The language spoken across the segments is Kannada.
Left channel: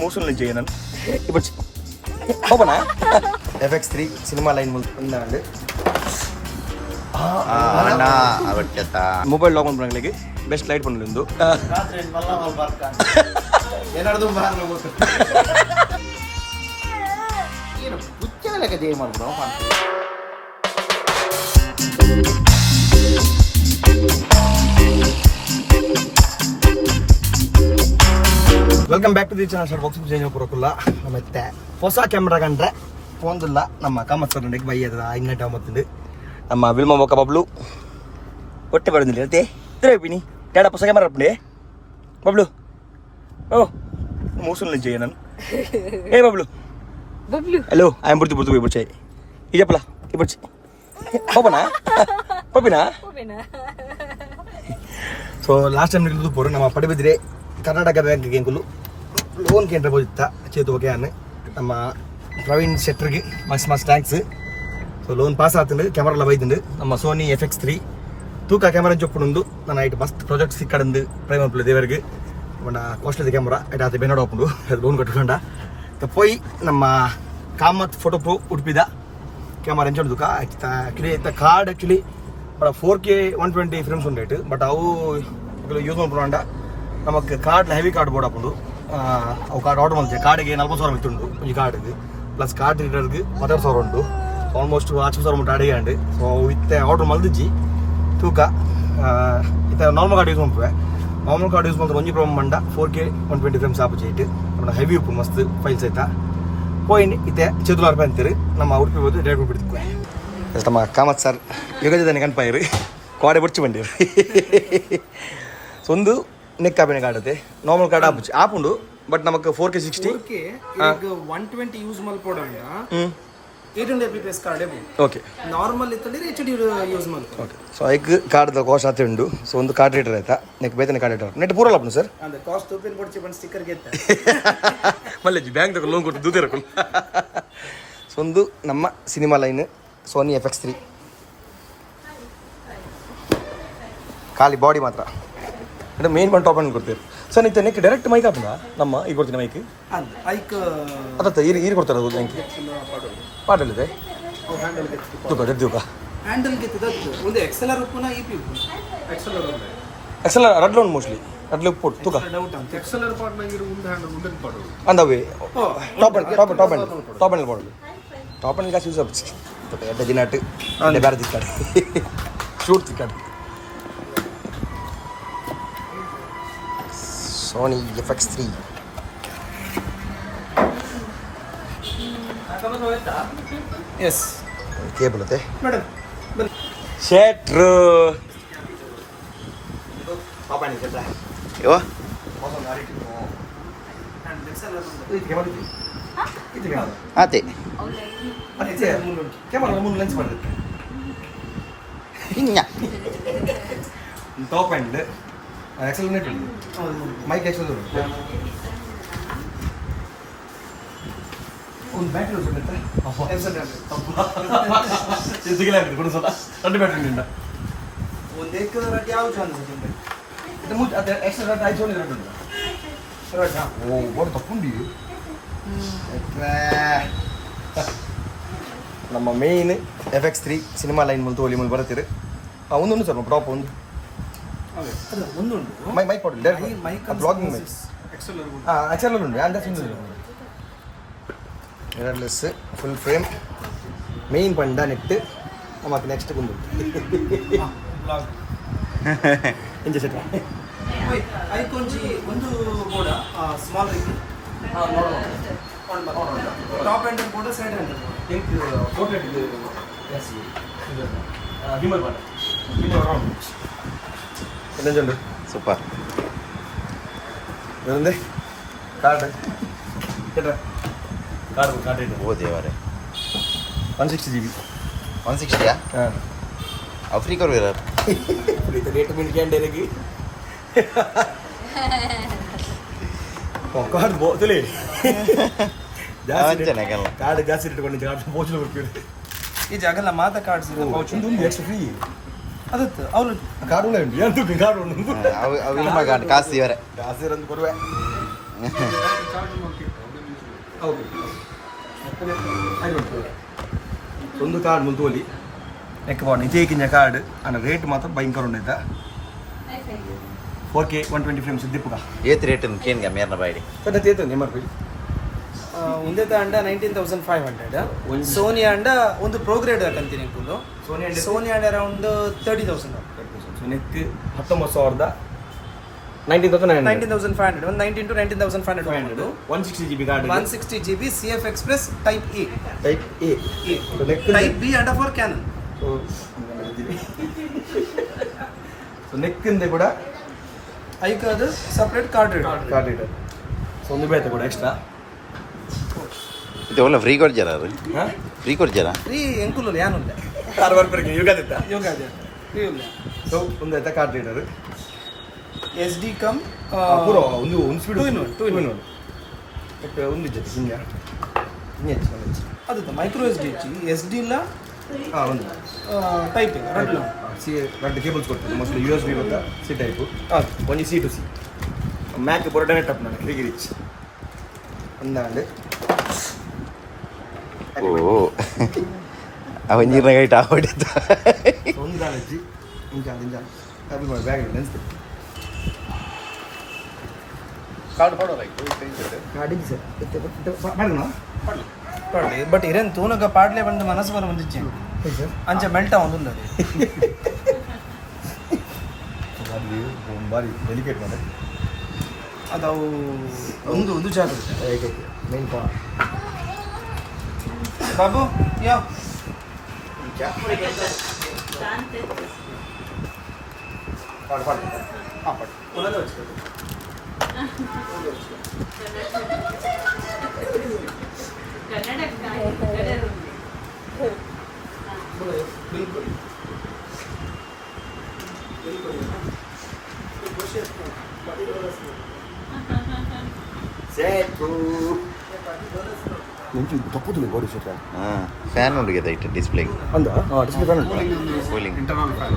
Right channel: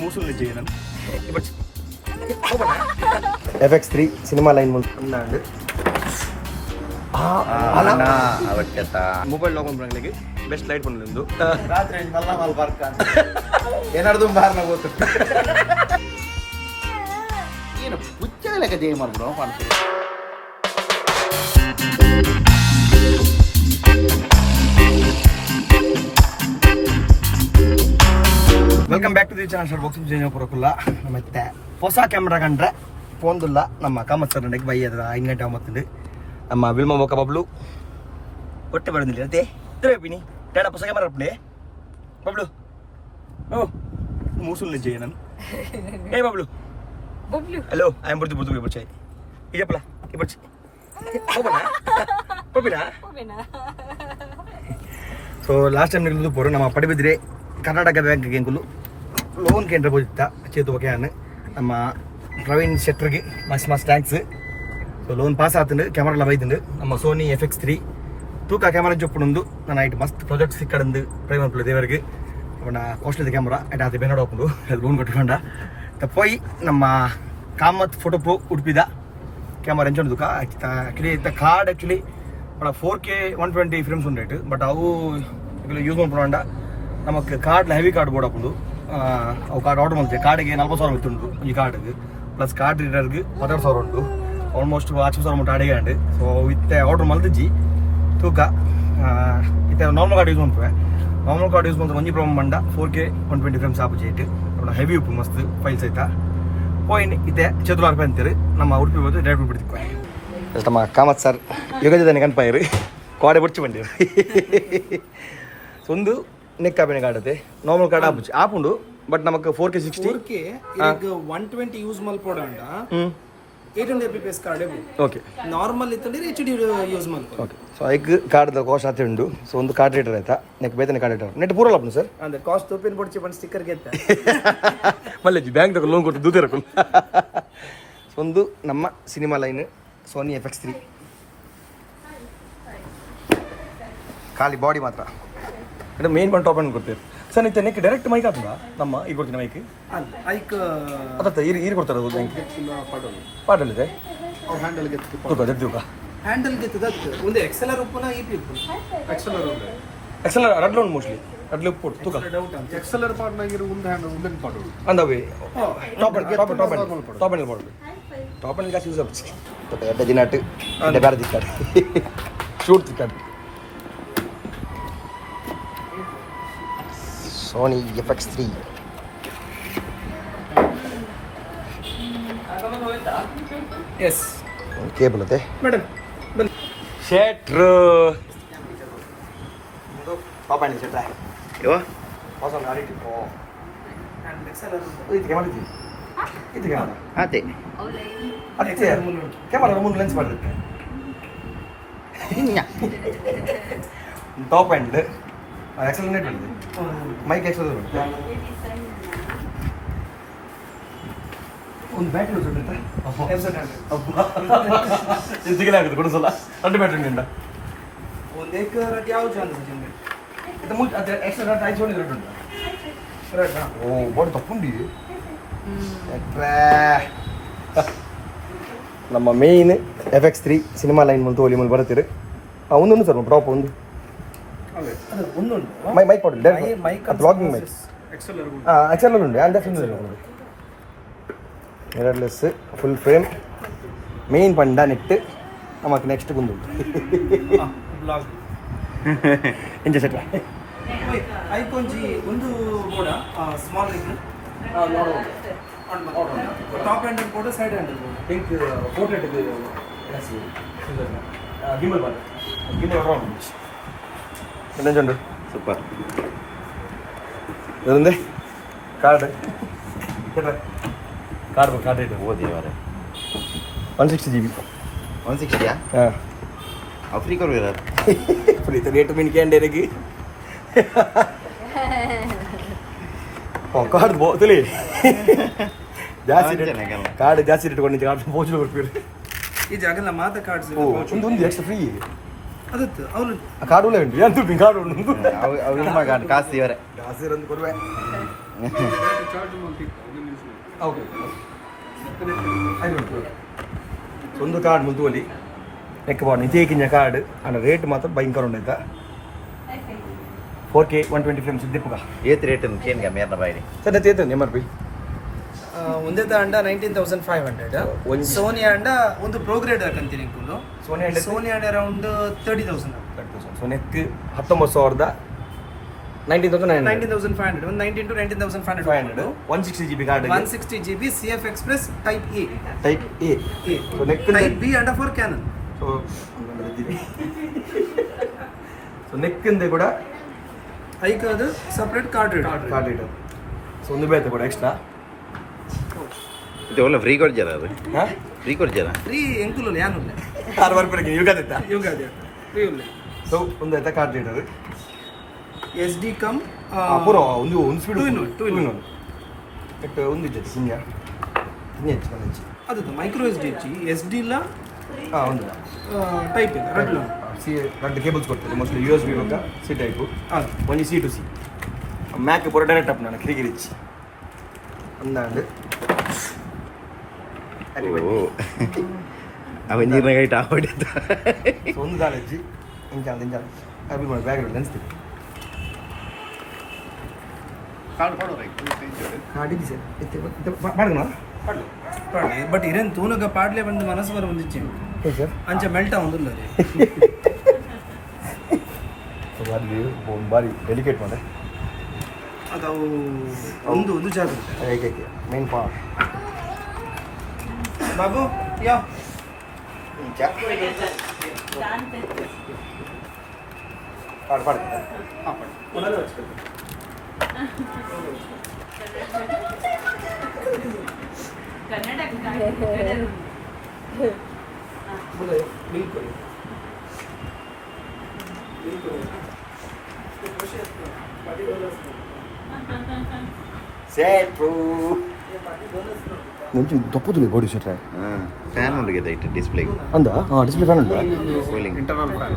మోసం చేయను ఇప్పుడు ఓపెనా FX3 సినిమా లైన్ ముందు ఉందండి ಮೊಬೈಲ್ ಲಾಕ್ ಮಾಡ್ಬಿಡಂಗ್ಲಿಗೆ ಬೆಸ್ಟ್ ಲೈಟ್ ಬಂದ್ಲಿಂದು ರಾತ್ರಿ ಮಲ್ಲ ಮಲ್ ಬರ್ಕ ಏನಾರ್ದು ಬಾರ್ನ ಗೊತ್ತು ಏನು ಹುಚ್ಚ ಲೆಕ್ಕ ಜೈ ಮಾಡ್ಬಿಡೋ ಕಾಣ್ತೀವಿ. Welcome back to the channel shutter box ಜೈನ ಪುರಕುಲ್ಲ ಮತ್ತೆ ಹೊಸ ಕ್ಯಾಮ್ರಾ ಕಂಡ್ರೆ ಫೋನ್ದಿಲ್ಲ ನಮ್ಮ ಕಾಮತ್ ಸರ್ ನನಗೆ ಬೈಯದ ಹಿಂಗಂಟೆ ಮತ್ತುಂಡು ನಮ್ಮ ವಿಲ್ಮ ಮೊಕ್ಕ ಬಬ್ಲು ಒಟ್ಟೆ ಬರೋದಿಲ್ಲ ಅದೇ ತಿರುಗಿನಿ ಡಾಡ ಹೊಸ ಕ್ಯಾಮರಾ ಅಪ್ಪಣೆ ಬಬ್ಲು ಮೂಸುಲ್ ನಿಜ ನಾನು ಏ ಬಬ್ಲು ಹಲೋ ಐ ಆಮ್ ಬುರ್ದು ಬಿಡ್ಚಾಯಿ ಈಜಪ್ಪಲ ಇಬ್ಬರ್ಚಿ ಹೋಗೋಣ ಹೋಗಿನಾ ಸೊ ಲಾಸ್ಟ್ ಟೈಮ್ ನಿಲ್ದು ಪೋರು ನಮ್ಮ ಪಡಿಬಿದ್ರೆ ಕರ್ನಾಟಕ ಬ್ಯಾಂಕ್ಗೆ ಎಂಕುಲು ಲೋನ್ ಕೇಂದ್ರ ಬೋದಿತ್ತ ಚೇತು ಓಕೆ ಅನ್ನು ನಮ್ಮ ಪ್ರವೀಣ್ ಶೆಟ್ಟರ್ಗೆ ಮಸ್ತ್ ಥ್ಯಾಂಕ್ಸ್. ಸೊ ಲೋನ್ ಪಾಸ್ ಆತಂಡು ಕ್ಯಾಮರಾ ಎಲ್ಲ ಬೈದಂಡು ನಮ್ಮ ಸೋನಿ FX3 ತೂಕ ಕ್ಯಾಮರಾ ಜೊಪ್ಪುಂಡು ನಾನು ಐಟ್ ಮಸ್ತ್ ಪ್ರಾಜೆಕ್ಟ್ ಸಿಕ್ಕಡಂದು ಪ್ರೈಮರ್ ಪ್ಲೇ ದೇವರಿಗೆ ಕಾಸ್ಟ್ಲಿ ಕ್ಯಾಮರಾ ಐಟ್ ಆತ ಬೆನ್ನಡ ಹೋಗ್ಕೊಂಡು ಅದು ಲೋನ್ ಕಟ್ಕೊಂಡ ಪೋಯಿ ನಮ್ಮ ಕಾಮತ್ ಫೋಟೋ ಪ್ರೊ ಉಡುಪಿದ ಕ್ಯಾಮರಾ ಎಂಚು ತೂಕ ಆ್ಯಕ್ಚುಲಿ ಇತ್ತ ಕಾರ್ಡ್ ಆ್ಯಕ್ಚುಲಿ 4K 120 ಫ್ರೇಮ್ಸ್ ಉಂಡಾಯ್ತು ಬಟ್ ಅವು ಯೂಸ್ ಮಾಡ್ಕೊಂಡ ನಮಗೆ ಕಾರ್ಡ್ ಹೆವಿ ಕಾರ್ಡ್ ಬೋರ್ಡ್ ಹಾಕೊಂಡು ಅವು ಕಾರ್ಡ್ ಆರ್ಡರ್ ಮಾಡ್ತೀವಿ ಕಾರ್ಡಿಗೆ 40,000 ಬಿತ್ತುಂಡು ಈ ಕಾರ್ಡಿಗೆ ಪ್ಲಸ್ ಕಾರ್ಡ್ ರೀಡರ್ಗೆ 12,000 ಉಂಟು ಆಲ್ಮೋಸ್ಟ್ 50,000 ಮುಟ್ಟ ಅಡಿಗೆ ಅಂಡು ಸೊ ಇತ್ತೆ ಆರ್ಡರ್ ಮಲ್ದಿಜ್ಜಿ ತೂಕ ಇತ್ತೆ ನಾರ್ಮಲ್ ಕಾರ್ಡ್ ಯೂಸ್ ಮಾಡ್ತೇವೆ ನಾರ್ಮಲ್ ಕಾರ್ಡ್ ಯೂಸ್ ಮಾಡಿದ್ರೆ ಒಂಜಿ ಪ್ರಾಬ್ಲಮ್ ಮಂಡ 4K 120 ಫ್ರೇಮ್ಸ್ ಆಪು ಚೇಟ್ ಹೆವಿ ಉಪ್ಪು ಮಸ್ತ್ ಫೈಲ್ಸ್ ಆಯ್ತಾ ಹೋಯ್ನಿ ಇತ್ತೆ ₹7 ಅಂತೀರಿ ನಮ್ಮ ಉಡುಪಿ ಬಂದು ಡೈರೆಕ್ಟ್ ಬಿಡ್ತಿದ್ವಿ ನಮ್ಮ ಕಾಮತ್ ಸರ್ ಯುಗಜದನೆ ಕನ್ಪಾಯಿರು ಕಾಡೆ ಬುಡ್ಚಿ ಬಂದಿರು ಸೊ ಒಂದು ನೆಕ್ ಕಾಪಿನ ಕಾರ್ಡ್ ಐತೆ ನಾರ್ಮಲ್ ಕಾರ್ಡ್ ಆಪುಚ್ಚಿ ಆಪುಂಡು ಬಟ್ ನಮಗೆ 4K 60 120 ಯೂಸ್ ಮಲ್ಪೋಡಂಡ 800 fps ಕಾರ್ಡ್ ಓಕೆ ನಾರ್ಮಲ್ ಇತ್ತಂದ್ರೆ HD ಯೂಸ್ ಮಲ್ಪೋಡು ಓಕೆ ಸೊ ಐಕ್ ಕಾರ್ಡ್ ಕಾಸ್ಟ್ ಆತೆ ಉಂಡು ಸೊ ಒಂದು ಕಾರ್ಡ್ ರೀಡರ್ ಆಯ್ತಾ ನೆಕ್ ಬೇತನೆ ಕಾರ್ಡ್ ರೀಡರ್ ನೆಟ್ ಪೂರಲ್ಲ ಅಪ್ನು ಸರ್ ಅಂದ್ರೆ ಕಾಸ್ಟ್ ತೂಪಿನ ಬಡ್ಚಿ ಬಂದು ಸ್ಟಿಕ್ಕರ್ ಗೆತ್ತ ಮಲ್ಲೆಜಿ ಬ್ಯಾಂಕ್ ತಗೊಂಡು ಲೋನ್ ಕೊಟ್ಟು ದೂತೆ ರಕುಲ್ ಸೊ ಒಂದು ನಮ್ಮ ಸಿನಿಮಾ ಲೈನ್ ಸೋನಿ FX3 ಖಾಲಿ ಬಾಡಿ ಮಾತ್ರ అంటే మెయిన్ వన్ టాప్ అని కొడతారు సార్ నీకు నెక్ డైరెక్ట్ మైక్ అవుతుందా నమ్మ ఈ కొడుతున్న మైక్ అదే ఈరు కొడతారు మైక్ పాటలేదు తూక దూక హ్యాండిల్ ಒಂದು ಎಕ್ಸೆಲರ್ ಉಪ್ಪುನ ಇಪಿ ಉಪ್ಪು ಎಕ್ಸೆಲರ್ ರಡ್ಲ ಉಂಟು ಮೋಸ್ಟ್ಲಿ ರಡ್ಲ ಉಪ್ಪು ತೂಕ ಎಕ್ಸೆಲರ್ ಪಾಡ್ನಾಗಿರು ಒಂದು ಹ್ಯಾಂಡ್ ಉಂಡನ್ ಪಾಡು ಅಂದವೆ ಟಾಪ್ ಹ್ಯಾಂಡಲ್ ಮಾಡೋದು ಟಾಪ್ ಹ್ಯಾಂಡಲ್ ಕಾಸು ಯೂಸ್ ಆಗುತ್ತೆ ಎಡ್ಡ ದಿನಾಟ್ ಎಡ್ಡ ಬೇರೆ ತಿಕ್ಕಾಡು ಶೂಟ್ ತಿಕ್ಕಾಡು Sony FX3 yes ಕೇಬಲ್ ಅದೇ ಮೇಡಮ್ ಶೆಟ್ರ್ ಪಾಪ ನೀ ಶೆಟ್ರ ಯೋ ಹೊಸ ಗಾಡಿ ಟಿಕೋ ಅಂಡ್ ಎಕ್ಸೆಲರ್ ಇದು ಮಾಡಿದ್ವಿ ಇದು ಕ್ಯಾಮರಾ ಅದೇ ಅದೇ ಕ್ಯಾಮರಾ ಮುಂದೆ ಲೆನ್ಸ್ ಮಾಡಿದ್ವಿ ಹಿಂಗ ಟಾಪ್ ಹ್ಯಾಂಡ್ ಎಕ್ಸೆಲರೇಟ್ ಇದೆ ಮೈಕ್ ಎಕ್ಸೆಲರೇಟ್ ಒಂದು ಬ್ಯಾಟ್ರಿ ಉಂಟು ಎಂತಿಗೆ ಆಗುತ್ತೆ ಕೊಡಿಸಲ್ಲ ಎರಡು ಬ್ಯಾಟ್ರಿ ನಿಂದ ಒಂದು ಏಕ ಯಾವ ಚಾನಲ್ ಇದು ಮುಂಚೆ ಅದೇ ಎಕ್ಸ್ಟ್ರಾ ರೆಡ್ ಆಯ್ತು ರೆಡ್ ರೆಡ್ ಓ ಬಾಡಿ ತಪ್ಪುಂಡಿ ನಮ್ಮ ಮೇನ್ FX3 ಸಿನಿಮಾ ಲೈನ್ ಮುಂದೆ ಹೋಲಿ ಮುಂದೆ ಬರುತ್ತೀರಿ ಒಂದೊಂದು ಸರ್ ಡ್ರಾಪ್ ಒಂದು ಮೈಕ್ ಕೊಡಲಿ ಮೈಕ್ ಬ್ಲಾಗಿಂಗ್ ಮೈಕ್ ಎಕ್ಸೆಲರ್ ಉಂಟು ಅಂದ ಮಿರರ್ಲೆಸ್ ಫುಲ್ ಫ್ರೇಮ್ ಮೇನ್ ಪಂಡ ನೆಟ್ ನಮಗೆ ನೆಕ್ಸ್ಟ್ ಬಂದು ಇಂಜ ಸೆಟ್ ಐಕೊಂಜಿ ಒಂದು ಬೋಡ ಸ್ಮಾಲ್ ರಿಂಗ್ ಟಾಪ್ ಹ್ಯಾಂಡಲ್ ಬೋಡ ಸೈಡ್ ಹ್ಯಾಂಡಲ್ ಬೋಡ ಥಿಂಕ್ ಪೋರ್ಟ್ರೇಟ್ ಇದು ಗಿಂಬಲ್ ಬಾಟ ಗಿಂಬಲ್ ರೌಂಡ್ என்னஞ்சு ಸೂಪರ್ இருந்து கார்டு கேட்ற கார்டு கார்டு ಓ ದೇವರೇ 160 GB 160ಯಾ ಫ್ರೀ ಕೊಡುವಿರ ಫ್ರೀ ರೇಟ್ ಮಿನಿಕಂಡೆ ಇದಕ್ಕೆ ಕಾರ್ಡ್ ಬೋತಲಿ ಜಾಸ್ತಿ ಕಾರ್ಡ್ ಜಾಸ್ತಿ ಇಟ್ಕೊಂಡು ಕಾರ್ಡ್ ಬೋಚಲು ಕೊಡ್ತೀರಿ ಈ ಜಾಗಲ್ಲ ಮಾತ ಕಾರ್ಡ್ಸ್ ಒಂದು ಎಕ್ಸ್ಟ್ರಾ ಫ್ರೀ ಅದಕ್ಕೆ ಅವರು ಕಾರ್ಡ್ ಉಂಟು ಏನು ಕಾರ್ಡ್ ಉಂಟು ಅವು ಇಲ್ಲ ಮಗ ಕಾಸು ಇವರೇ ಜಾಸ್ತಿ ಇರೋದು ಕೊಡುವೆ ಓಕೆ ಒಂದು ಕಾರ್ಡ್ ಮುಂತುವಲಿ ನೆಕ್ ಬಾಡಿ ಇತೇಕಿನ ಕಾರ್ಡ್ ಅನ್ನ ರೇಟ್ ಮಾತ್ರ ಭಯಂಕರ ಉಂಡೈತ 4K 120 ಫ್ರೇಮ್ಸ್ ಇದ್ದಿಪ್ಪುಗ ಏತ್ ರೇಟ್ ಕೇನ್ಗ ಮೇರ್ನ ಬಾಯಿಡಿ ಸರ್ ತೇತ ನಿಮ್ಮಿ ಒಂದೇ ಅಂಡ 19,500 ಸೋನಿ ಅಂಡ ಒಂದು ಪ್ರೋಗ್ರೇಡ್ ಕಂತೀನಿ ಇಟ್ಕೊಂಡು ಸೋನಿ ಅಂಡ ಅರೌಂಡ್ 30,000 ಸೊ ನೆಕ್ 19,000 19,500 ಒಂದು 19 to 19,500 160 GB card 160 GB CFX Plus Type A type A so ನೆಕ್ Type B ಅಂಡ ಫಾರ್ ಕ್ಯಾನನ್ ಸೊ ನೆಕ್ ಇಂದ ಕೂಡ ಐಕ್ ಅದು ಸಪರೇಟ್ ಕಾರ್ಡ್ ರೀಡರ್ ಸೊ ಒಂದು ಬೇತೆ ಕೂಡ ಎಕ್ಸ್ಟ್ರಾ ಇದು ಒಳ್ಳೆ ಫ್ರೀ ಕೊಡ್ಜಾರ ಅದು ಹಾ ಫ್ರೀ ಕೊಡ್ಜಾರ ಫ್ರೀ ಎಂಕುಲು ಯಾನುಲ್ಲ 6 ರೂಪಾಯಿಗೆ ಯುಗಾದಿತ್ತ ಯೋಗಾದೆ ಫ್ರೀ ಇಲ್ಲ ಸೊ ಒಂದು ಐತ ಕಾರ್ಡ್ ರೀಡರ್ SD ಕಮ್ ಪೂರ ಒಂದು speed two in one but ಒಂದು ಜೊತೆ ಹಿಂಗೆ ಹೆಚ್ಚು ಅದು ಮೈಕ್ರೋ SD ಇಚ್ಚಿ SD ಇಲ್ಲ ಹಾಂ ಒಂದು ಟೈಪ್ ರೆಡ್ ಸಿ ಎರಡು ಕೇಬಲ್ಸ್ ಕೊಡ್ತದೆ ಮೋಸ್ಟ್ಲಿ USB ಬೇಕಾ ಸಿ ಟೈಪು ಒಂದು C to C ಮ್ಯಾಕ್ ಪೂರ ಡೈರೆಕ್ಟ್ ಅಪ್ ನಾನು ಕ್ರಿಗಿ ರಿಚ್ ಒಂದಾಂಡು ಓ ಅವನ್ ನೀರ್ನಾಗೈಟ್ ಆಗೋಡಿದ್ದ ಒಂದು ಕಾಲೇಜಿ ಇಂಚ ಹ್ಯಾಪಿ ಮಾಡಿ ಬ್ಯಾಗ್ ಅನಿಸ್ತೀವಿ ಕಾಡಿಗೆ ಸರ್ ಮಾಡೋಣ ಬಟ್ ಇರೇನು ತೂನಗ ಪಾಡ್ಲೆ ಬಂದು ಮನಸ್ಸು ಬರ ಬಂದಿಚ್ಚಿ ಸರ್ ಅಂಚೆ ಬೆಲ್ಟ ಒಂದು ಅಲ್ಲಿ ಭಾರಿ ಡೆಲಿಕೇಟ್ ಮಾಡಿ ಅದು ಒಂದು ಜಾಗ ಹೇಗೆ ಮೇನ್ ಪಾ ಬಾಬು ಯಾವ ಪಾಡು ಪಾಡು ಹಾಂ ಒಳಗೆ ಹಚ್ಬೇಕು ಮುಂಚೆ ದಪ್ಪದು ಬೋಡಿ ಶೀಟ್ ಹಾಂ ಫ್ಯಾನ್ ಉಂಡಿಗೆ ಐತೆ ಡಿಸ್ಪ್ಲೇಗೆ ಅಂದ display fan cooling internal fan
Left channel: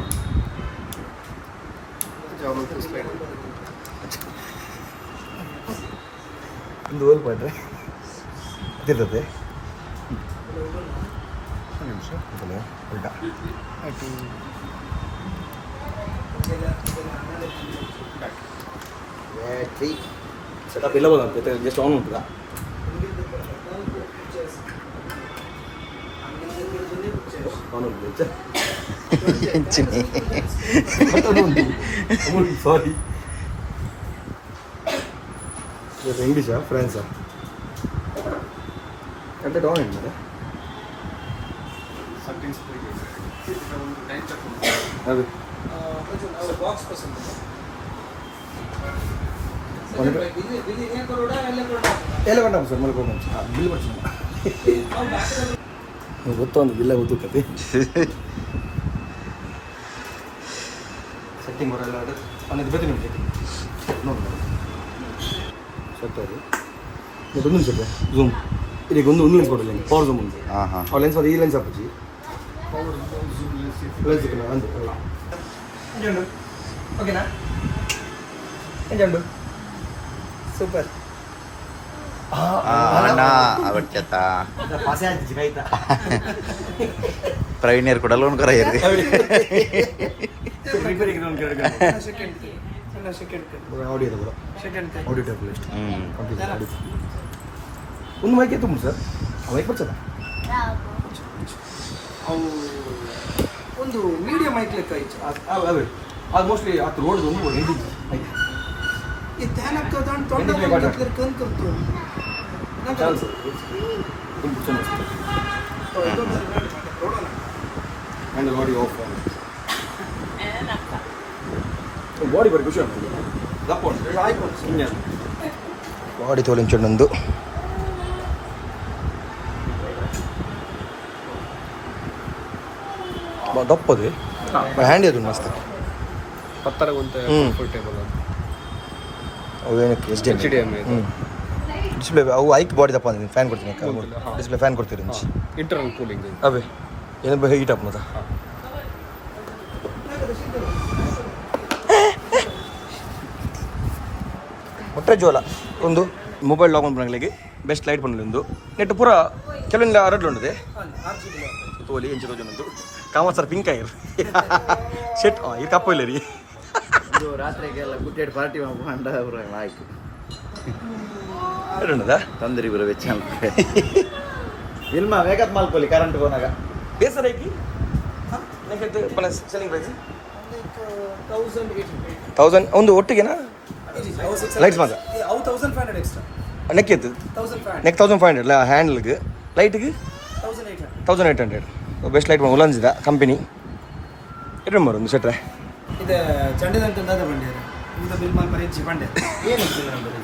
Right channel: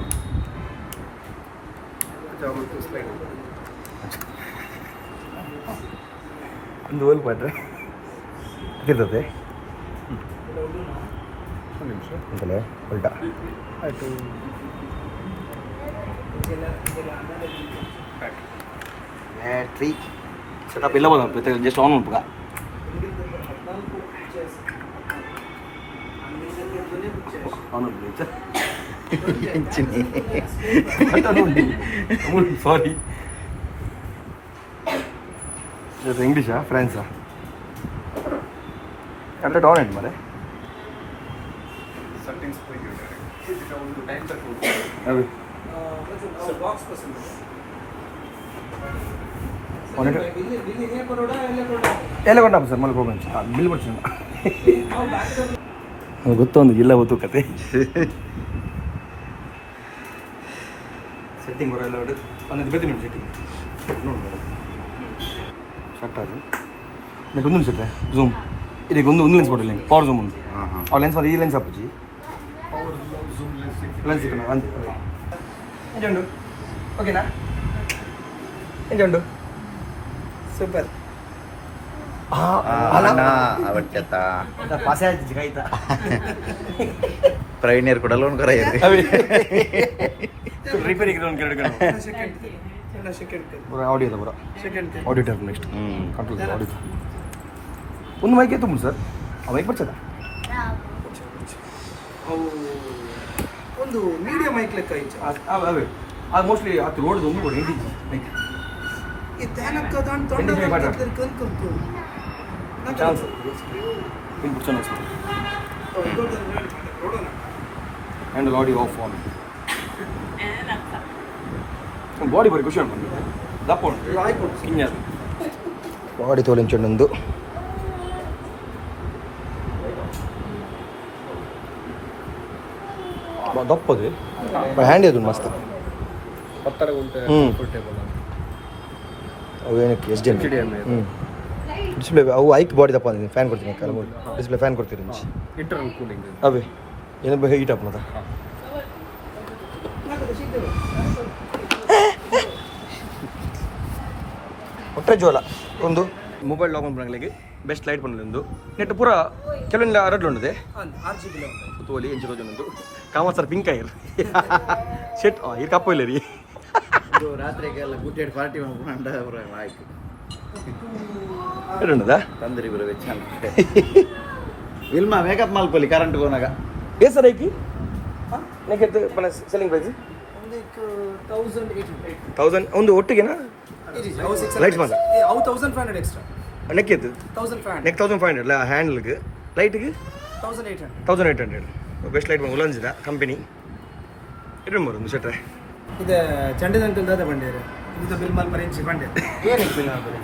ಒಂದು ಓಲ್ ಪಾಡ್ರೆ ಅದಿರ್ತದೆ ನಿಮಿಷ ಅಂತಲ್ಲ ಹೊಲ್ಟ ಆಯಿತು ಬ್ಯಾಟ್ರಿ ಸೆಟಪ್ ಎಲ್ಲ ಬಂದ ಜಸ್ಟ್ ಆನ್ ಉಂಟು ಆನ್ ಉಂಟು ಸಾರಿ ಇಂಗ್ಲೀಷಾ ಫ್ರೆಂಡ್ಸಾ ಕರೆಕ್ಟ್ ಆನ್ ಆಯ್ತು ಮರೆ ಅದೇ ಬಾಕ್ಸ್ ಪಸಂದ್ ಎಲ್ಲ ಕೊಂಡ ಸರ್ ಮಳೆ ಹೋಗಿ ಬಿಲ್ ಬರ್ತೀನಿ ಗೊತ್ತೊಂದು ಇಲ್ಲ ಗೊತ್ತು ಕತೆ ಸೆಟ್ಟಿಂಗ್ ಹೊರೆಲ್ಲ ಅನ್ನೋದು ಬೇಕು ನಿಮ್ಗೆ ಸೆಟ್ಟಿಂಗ್ ನೋಡಿ ಸೊಟ್ಟಾಗಿ ಇದಕ್ಕೆ ಒಂದು ನಿಮಿಷ ಝೂಮ್ ಇದಕ್ಕೆ ಒಂದು ಲೆನ್ಸ್ ಕೊಡಲಿ ಪವರ್ ಝೂಮ್ ಉಂಟು ಹಾಂ ಹಾಂ ಆ ಲೆನ್ಸ್ ಈ ಲೆನ್ಸ್ ಹಾಕಿ ಲೆನ್ಸ್ ಇಟ್ಟು ಅಂದು ಎಂಜುಂಡು ಓಕೆನಾ ಎಂಜುಂಡು ಸೂಪರ್ ಅಣ್ಣ ಅವಚ್ಚತ್ತ ಪಾಸೆ ಆಗ್ತಿತ್ತು ಕಾಯ್ತಾ ಪ್ರವೀಣ್ಯರು ಕೂಡ ಲೋನ್ ಕರೆಯರಿ ರಿಪೇರಿಗೆ ಒಂದು ಸೆಕೆಂಡ್ ಆಡಿಯೋದ ಬರ ಸೆಕೆಂಡ್ ಆಡಿಯೋ ಟೈಪ್ ನೆಕ್ಸ್ಟ್ ಹ್ಞೂ ಕಂಪ್ಲೀಟ್ ಆಡಿಯೋ ಒಂದು ಮೈಕ್ ಎತ್ತು ಸರ್ ಆ ಮೈಕ್ ಬರ್ಚದ ಅವು ಒಂದು ಮೀಡಿಯಂ ಮೈಕ್ ಲೆಕ್ಕ ಐತೆ ಅವೇ ಅದು ಮೋಸ್ಟ್ಲಿ ಅದು ರೋಡ್ ಒಂದು ರೋಡ್ ಎಂಟಿ ಮೈಕ್ ಈ ಧ್ಯಾನಕ್ಕೆ ಅದಾಂಡ್ ಎಂಟಿ ಜಿ ಮಾತಾಡ ಕರ್ಕೊಂಡು ಚಾನ್ಸ್ ತುಂಬ ಚೆನ್ನಾಗಿ handle audio of on body ಬರೀ ಖುಷಿ ಉಂಟು ದಪ್ಪ ಉಂಟು ಕಿಂಜ ಬಾಡಿ ತೋಲಿಂಚೊಂದು ದಪ್ಪದು ಹ್ಯಾಂಡಿ ಅದು ಮಸ್ತ್ ಅವು ಏನಕ್ಕೆ ಎಸ್ ಡಿ ಡಿಸ್ಪ್ಲೇ ಅವು ಐಕ್ ಬಾಡಿ ದಪ್ಪ ಅಂದಿದ್ದೀನಿ ಫ್ಯಾನ್ ಕೊಡ್ತೀನಿ ಡಿಸ್ಪ್ಲೇ ಫ್ಯಾನ್ ಕೊಡ್ತೀರಿ ಇಂಟರ್ನಲ್ ಕೂಲಿಂಗ್ ಅವೇ ಏನು ಹೀಟ್ ಅಪ್ ಮತ ಹೊಟ್ಟೆ ಜೋಲ ಒಂದು ಮೊಬೈಲ್ ಲಾಕ್ ಮಾಡ್ಲಿಕ್ಕೆ ಬೆಸ್ಟ್ ಲೈಟ್ ಬಂದಿಲ್ಲ ಒಂದು ನೆಟ್ ಪೂರ ಕೆಲವೊಂದು ಅರಡ್ಲು ಉಂಟದೆ ತೋಲಿ ಎಂಚು ತೋಜೊಂದು ಕಾಮತ್ ಸರ್ ಪಿಂಕ್ ಆಯ್ರು ಶೆಟ್ ಇದು ಕಪ್ಪು ಇಲ್ಲ ರೀ ರಾತ್ರಿಗೆಲ್ಲ ಗುಡ್ಡೆಡ್ ಪಾರ್ಟಿ ಮಾಡ್ಕೊಂಡ ಆಯ್ತು ಎಡುಂಡದಾ ತಂದ್ರಿ ಬರೋ ವೆಚ್ಚ ಇಲ್ಮ ಮೇಕಪ್ ಮಾಡ್ಕೊಳ್ಳಿ ಕರೆಂಟ್ ಹೋನಾಗ ಎಷ್ಟು ಸರ್ ಐಕಿ ಸೆಲ್ಲಿಂಗ್ ಪ್ರೈಸ್ 1000 ಒಂದು ಒಟ್ಟಿಗೆನಾ ಲೈಟ್ಸ್ ಮಾತ್ರ ನೆಕ್ ಎತ್ತು ನೆಕ್ 1500 ಹ್ಯಾಂಡಲ್ಗೆ ಲೈಟ್ಗೆ 1800 ಬೆಸ್ಟ್ ಲೈಟ್ ಉಲಂಜಿದ ಕಂಪನಿ ಎಷ್ಟು ನಂಬರ್ ಒಂದು ಸೆಟ್ರೆ ಇದು ಚಂಡಿದಂತ ಬಂದಿದ್ದಾರೆ ಇದು ಬಿಲ್ ಮಾಲ್ ಪರಿಂಚಿ ಬಂಡೆ ಏನಕ್ಕೆ ಬಿಲ್ ಮಾಡಿ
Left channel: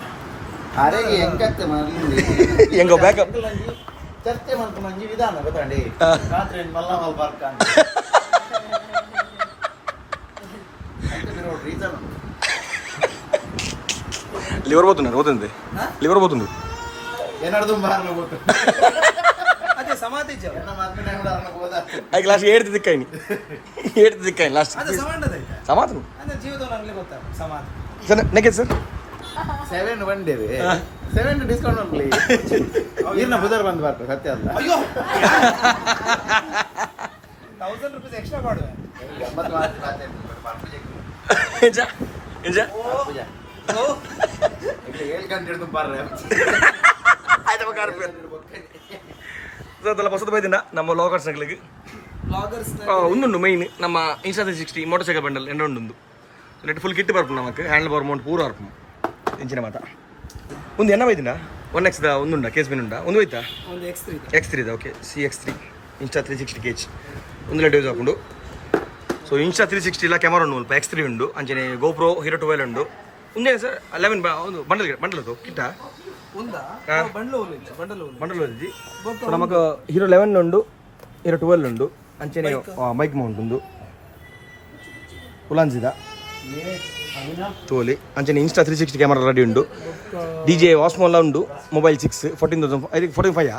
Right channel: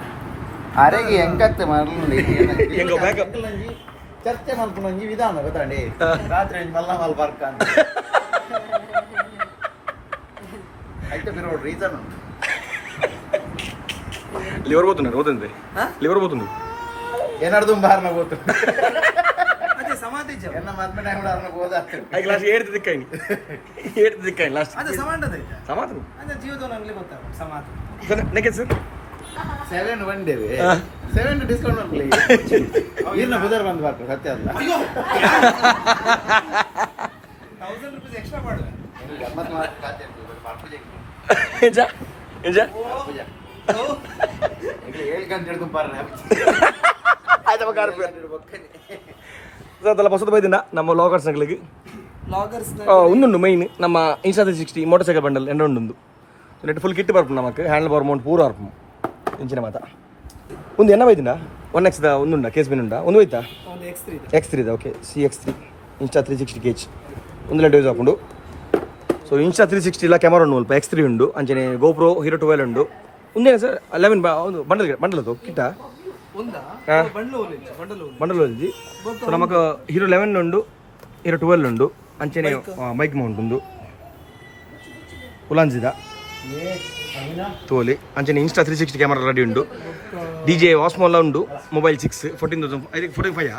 ಅರೆಗೆ ಹೆಂಗತ್ತೆ ಮಾಡಲಿ ಹೆಂಗೋ ಬ್ಯಾಕಪ್ ಚರ್ಚೆ ಮಾಡ್ಕೊಂಡು ವಿಧಾನ ಗೊತ್ತಾಂಡಿ ರಾತ್ರಿ ಮಲ್ಲ ಮಲ್ ಬರ್ಕ ಆಯ್ತು ಬಿರೋ ರೀಸನ್ ಲಿವರ್ పోతున్నారు పోతుంది లివర్ పోతుంది ಏನಾರ್ದು ಬಾರ್ನ ಗೊತ್ತು ಅದೇ ಸಮಾಧಿ ಜನ ಎನ್ನ ಮದ್ಮೆ ಕೂಡ ಅರ್ನ ಹೋದ ಐ ಕ್ಲಾಸ್ 8 ದಿಕ್ಕಾಯಿ ಲಾಸ್ಟ್ ಅದು ಸಮಾಧಿ ಸಮಾಧಾನ ಅಂದ್ರೆ ಜೀವದ ನಮಗೆ ಗೊತ್ತಾಗ ಸಮಾಧಿ ಸರ್ ನೆಕ್ಕೆ ಸರ್ 7 ಬಂದೇವೆ 7 ಡಿಸ್ಕೌಂಟ್ ಮಾಡ್ಕೊಳ್ಳಿ ಇರ್ನ ಬುಧವಾರ ಬಂದು ಬರ್ತಾರೆ ಸತ್ಯ ಅಲ್ಲ ಅಯ್ಯೋ 1000 ರೂಪಾಯಿ ಎಕ್ಸ್ಟ್ರಾ ಮಾಡುವೆ ಗಮ್ಮತ್ ಮಾತಾಡ್ತಾರೆ ಎಂಜಾ ಎಂಜಾ ಹೇಳ್ಕೊಂಡು ಬರ್ರೆ ಆಯ್ತಪ್ಪ ಕಾರ್ ಅದೆಲ್ಲ ಹೊಸದು ಬೈದಿನ ನಮ್ಮ ಲಾಗರ್ಸ್ಗಳಿಗೆ ಉಂದುಂಡು ಮೈನ್ ನಮ್ಮ ಇನ್ಸ್ಟಾ 360 ಮೋಟರ್ ಸೈಕಲ್ ಬಂಡಲ್ ಎಂಡ ಉಂಡು ನೆಟ್ ಫುಲ್ ಕಿಟ್ ಬರ್ಪು ನಮಕ್ ಹ್ಯಾಂಡಲ್ ಬಾರ್ ಮೌಂಟ್ ಪೂರ ಬರ್ಪು ಇಂಚಿನ ಮಾತ ಒಂದು ಎನ್ನ ಬೈದಿನ 1x ಒಂದುಂಡ ಕೇಸ್ ಬಿನ್ ಉಂಡ ಒಂದು ಹೋಯ್ತಾ X3 okay CX3 insta 360 cage ಒಂದು ಲೈಟ್ ಯೂಸ್ ಹಾಕೊಂಡು ಸೊ ಇನ್ಸ್ಟಾ 360 ಇಲ್ಲ ಕ್ಯಾಮರಾ ಉಂಡು ಸ್ವಲ್ಪ X3 ಉಂಡು ಅಂಚನೆ ಗೋಪ್ರೋ ಹೀರೋ 12 ಉಂಡು ಒಂದೇನ ಸರ್ 11 ಒಂದು ಬಂಡಲ್ ಅದು ಕಿಟ್ಟ ಬಂಡಲ್ ಓದಿ ಸೊ ನಮಕ್ ಹೀರೋ 11 ಉಂಡು ಹೀರೋ 12 ಉಂಡು ಅಂಚನೆ ಮೈಕ್ ಮೌಂಟ್ ಉಂಡು ಉಲಾಂಜಿದ ತೋಲಿ ಅಂಚನೆ ಇನ್ಸ್ಟಾ 360 ಕ್ಯಾಮರಾ ರೆಡಿ ಉಂಡು DJ ವಾಸ್ಮೋಲ್ಲ ಉಂಡು mobile 6 14,000 I think 45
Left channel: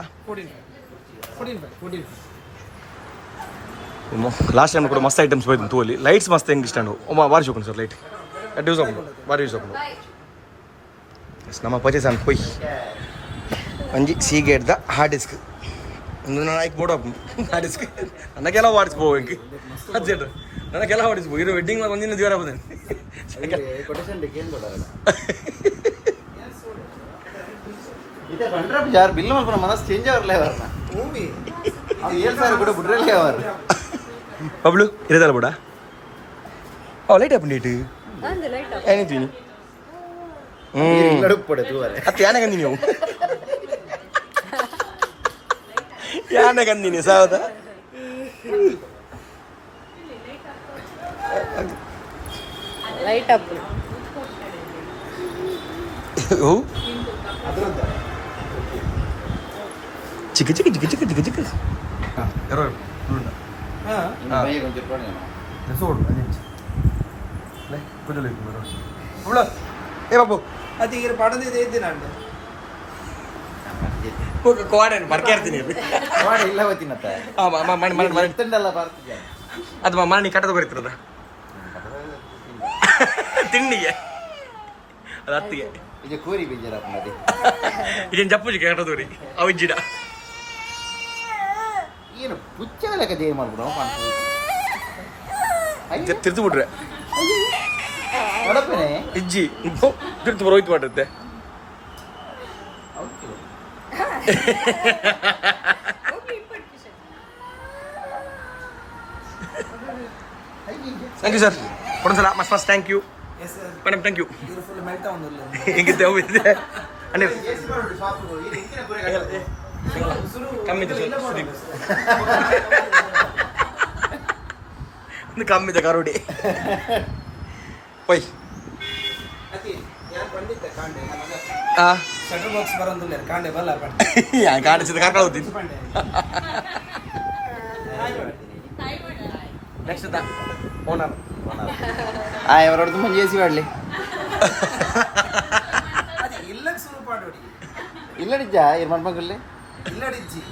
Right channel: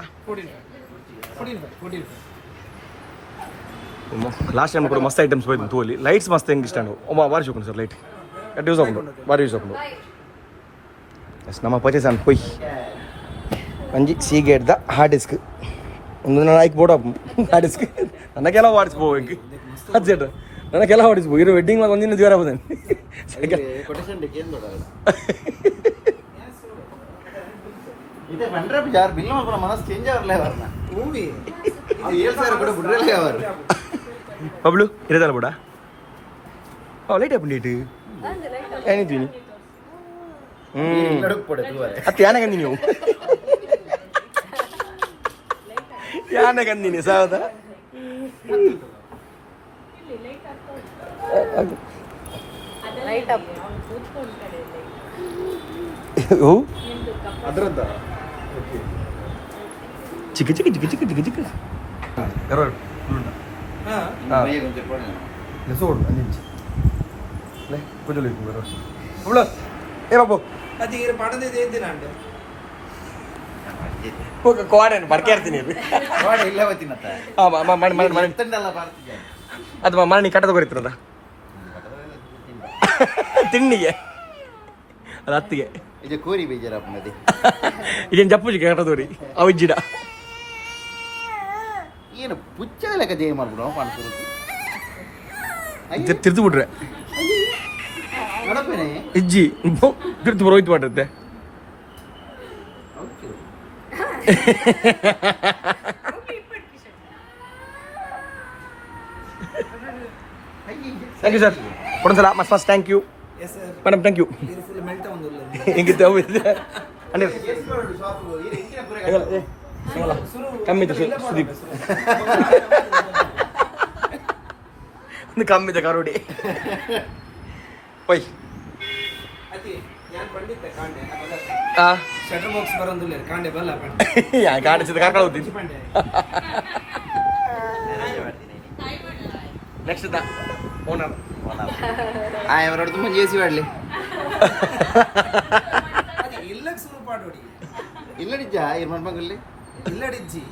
last time ಕೂಡ ಮಸ್ತ್ ಐಟಮ್ಸ್ ಹೋಯ್ತು ತೋಲಿ ಲೈಟ್ಸ್ ಮಸ್ತ್ ಹೆಂಗೆ ಇಷ್ಟ ಬಾರಿ ಶೋಕೊಂಡು ಸರ್ ಲೈಟ್ ಎಟ್ ಯೂಸ್ ಹಾಕೊಂಡು ಬಾರಿ ಯೂಸ್ ಹಾಕೊಂಡು ಎಸ್ ನಮ್ಮ ಪರ್ಚೇಸ್ ಅನ್ ಕೊಯ್ ಒಂಜಿ ಸೀಗೇಟ್ದ ಹಾರ್ಡ್ ಡಿಸ್ಕ್ ಒಂದು ಆಯ್ಕೆ ಬೋರ್ಡ್ ಹಾರ್ಡ್ ಡಿಸ್ಕ್ ನನಗೆಲ್ಲ ಮಾಡಿಸ್ಬೋ ಹೆಂಗೆ ಅದು ಸೇಟ್ ನನಗೆಲ್ಲ ಮಾಡಿಸ್ಬೋ ಇರೋ ವೆಡ್ಡಿಂಗ್ ಮಾಡಿ ಒಂದಿನ ದಿವರ ಆಗ್ಬೋದೇನು ಕೊಟೇಶನ್ ಏನು ಕೊಡೋಲ್ಲ ಇದು 100 ಯಾರು ಬಿಲ್ ಮಾಡ್ಕೊಂಡು ಮನಸ್ಸು ಚೇಂಜ್ ಆಗರ್ಲೇ ಅವರನ್ನ ಭೂಮಿ ಅದು 7,000 ಕೂಡ ಬಿಡ್ರಲ್ಲೇ ಅವರು ಬಬ್ಲು ಇರೋದಲ್ಲ ಬಿಡ ಲೈಟ್ ಹಾಕೊಂಡು ಇಟ್ಟು ಏನಿದ್ದೀನಿ ಅತ್ತೆ ಯಾನೆ ಕಂದಿ ನೀವು ಯಾನೆ ಕಂದಿನಿ ಸಾವದ ಚಿಕ್ಕ ಚಿಕ್ಕ ಚಿಕ್ಕ ಚಿಕ್ಕ ಚಿಕ್ಕ ಚಿಕ್ಕ ఏ బాబు అది ఈ పడనేది ఏంది నండు ఒక కోడని ಬರ್ಕೇರ್ತೀನಿ ಕೋಡ ಇಲ್ಲ ಗೊತ್ತಿನತ್ತ ಮನೆ ಎತ್ತಂಡಲ್ಲ ಬರ್ತಿದ್ದೆ ಅದು ಮನೆ ಕಟ್ಟದ ಬರೀತಿರದ ತಿಂಡಿಗೆ ಅದು ಹತ್ತಿಗೆ ಇದು ಕೋರಿ ಬೇಜಾರಪ್ಪ ನದಿ ಇದೇನು ಜಪ್ಪುಜಿ ಕಟ್ಟದೋರಿ ಅವಿಜ್ಜಿಡ ಏನು ಪುಚ್ಚದ ಲೆಕ್ಕ ದೇಹ ಮಾಡ್ಬಿಡು ಕಾಣಿಸ್ಬೋದು ತಿರ್ತು ಬಿಟ್ರೆ ನೋಡಪ್ಪೇನೆ ಇಜ್ಜಿ ತಿರ್ತು ಬರೋಯ್ತು ಮಾಡುತ್ತೆ ಥ್ಯಾಂಕ್ ಯು ಸರ್ ಕೊಡೊಂದ್ಸಲ ಮಸ್ತ್ ಮಸ್ತ್ thank you madam thank you ಹಿಂಗಿತ್ತೆ ಹೋಗಿದೆ ಅಂದ್ರೆ ಕಮ್ಮಿದ ಕರುಡಿ ಪೈ ಶಟರ್ಬಾಕ್ಸ್ ಬರೋದಿಲ್ಲ ಕಾಂಡೆ ಬಲ್ಲ ಕಾಣಿಸಿದ ಕರ್ಕೊಂಡು ಹೋಗ್ತೀನಿ ನೆಕ್ಸ್ಟ್ ಓನರ್ ಅವರೊಡ್ದು ಮಂಗೆ ಎಸಿ ಮಾಡಲಿ ಇಲ್ಲಕ್ಕೆ ಶುರು ಮಾಡೋಡಿ ಇಲ್ಲಡಿಜ್ಜ ಏನು ಮಾಡ್ಮಗಲ್ಲಿ ಇಲ್ಲಡಿಜ್ಜಿ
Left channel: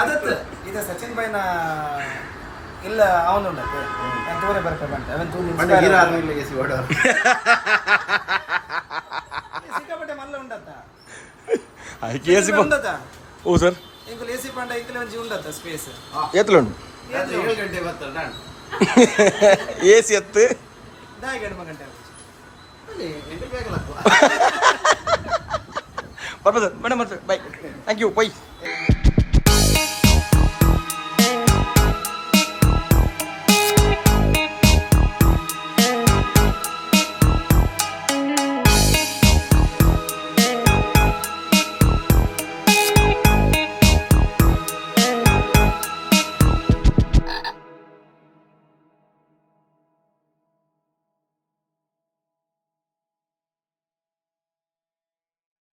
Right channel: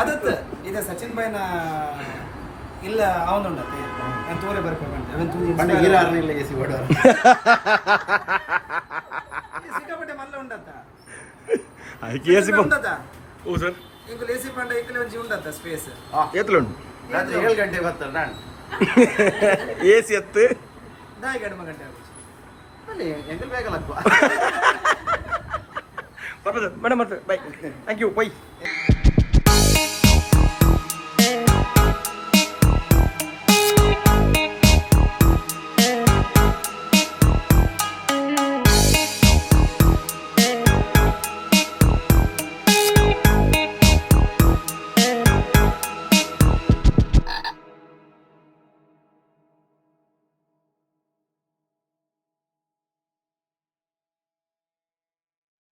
ಅದತ್ತು ಇದು ಸಚಿನ್ ಬೈನ ಇಲ್ಲ ಅವನುಂಡತ್ತೆ ನಾನು ತೋರೆ ಬರ್ಕೆ ಬಂಟೆ ಅವನು ಎಸಿ ಓಡೋ ಮಲ್ಲ ಉಂಡತ್ತ ಅದಕ್ಕೆ ಎ ಸಿ ಉಂಡತ್ತ ಓ ಸರ್ ಇಂಕುಲು ಎ ಸಿ ಪಂಡ ಇಂಕುಲು ಒಂಜಿ ಉಂಡತ್ತ ಸ್ಪೇಸ್ ಎತ್ತಲುಂಡು ರಾತ್ರಿ 7 ಗಂಟೆ ಬರ್ತಾರೆ ನಾನು ಎ ಸಿ ಎತ್ತು ದಾಯಿ ಗಂಟೆ ಗಂಟೆ ಅಲ್ಲಿ ಎಂಕಲ್ ಬೇಕಲ್ಲ ಬರ್ಬೋದು ಸರ್ ಮೇಡಮ್ ಬರ್ತಾರೆ ಬಾಯ್ ಥ್ಯಾಂಕ್ ಯು ಬೈ